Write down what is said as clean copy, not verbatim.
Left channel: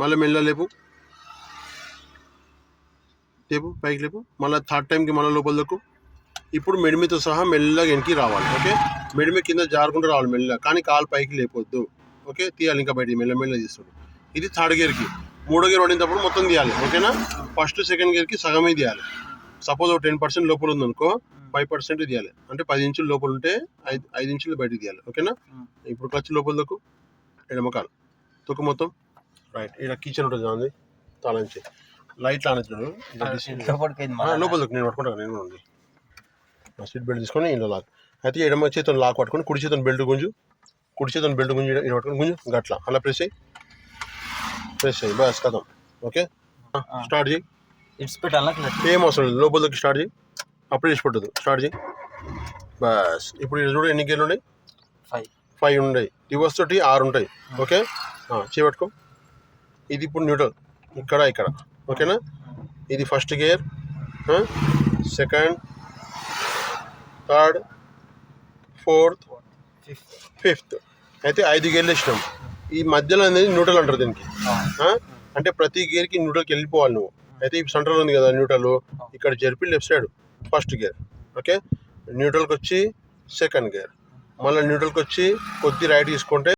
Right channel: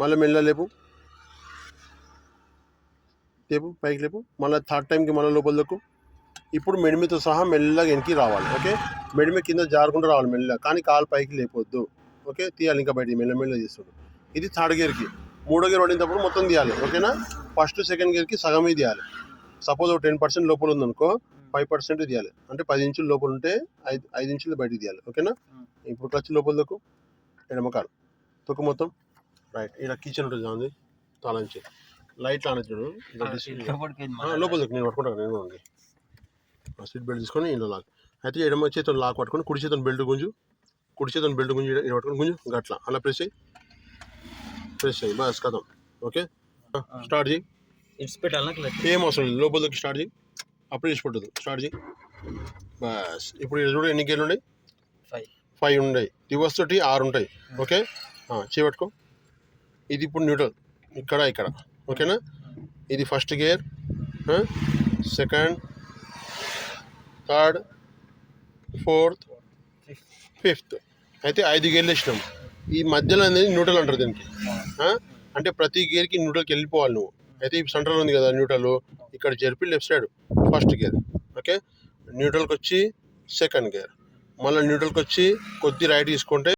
మళ్ళీ మెల్ల లేపు లేపు పైకి లేపు. మళ్ళీ థర్డ్ టైంకి మళ్ళీ లోపల దొక్కు. ఇప్పుడు మెడిమితో సహా మెల్లగా వెనక్కి రావాలి. ఓకే, మెడిమి కింద జారుకుంటూ రావాలి మెల్లగా, కానీ కాలు పైకి లేపొద్దు. ఓకే, తీయాలి ఇంకా బయటికి మెల్ల తీస్తాడు. ఇది థర్డ్ గేర్కి. మూడో గేర్ పడినప్పుడు మొత్తం తీయాలి. ఓకేనా, ఫస్ట్ సెకండ్ గేర్కి సగమే తీయాలి. సపోజ్ 10% లోపల ఉందనుకో 5% తీయాలి. అంటే 10 ఇంచుల లోపల ఉంటే 5 ఇంచులు బయటికి తీయాలి. ఓకేనా, ఇప్పుడు క్లచ్ లోపల దొక్కు, ఎడమకాలు తొక్కు మొత్తం. రైట్, ఇలా కిచెన్ ఉంటుంది కాదు తాళంచి లైట్ ఆనొచ్చాడు లోపల దొక్కు. నేను పట్టుకుంటాను, నేను కూడా ఉంది. సీట్ బెల్ట్ తీసుకొని ఇంట్లో లాక్. అయితే ఎడమ చేతితో లాక్ పట్టుకొని కుడి చేతితో బెల్ట్ గుంజు, కుడి చేతితో బెల్ట్ గుంజు ఇలా పట్టుకొని గుంజు గట్లా అలా ప్రెస్ అయ్యి బస్ కథం. ఓకే, స్టార్ట్ చేయి. ఏం అవసరం లేదు, లోపల దొరికి స్టార్ట్ చేయి. అప్పుడే చేసి పట్టదు, స్టార్ట్ చేయి బస్. ఇప్పుడు చూడు ఎన్ని గేర్లు ఉన్నాయి? 5 ఉన్నాయి. రివర్స్ తోటి 6 ఉంటాయి. ఓకే, చేపట్టుకో. ఇది ఇప్పుడు న్యూట్రల్ ఇక్కడ. ఓకేనా, ఇది first gear, second, third, fourth, fifth. అయితే 5 గేర్లు ఇష్టం. ఈ మధ్యలో అనేది న్యూట్రల్ అంటారు దీనికి. అంటే ప్రతి గేర్కి న్యూట్రల్కి వెళ్ళిపోవాలి నువ్వు. అయితే ఈ సెంట్రల్ ఉంది కదా న్యూట్రల్, ఇక్కడ జరిపి left side first gear. Okay, న్యూట్రల్కి వచ్చి సెకండ్ గేర్, మళ్ళీ న్యూట్రల్కి వచ్చి కొద్ది రైట్ తీసుకుంటే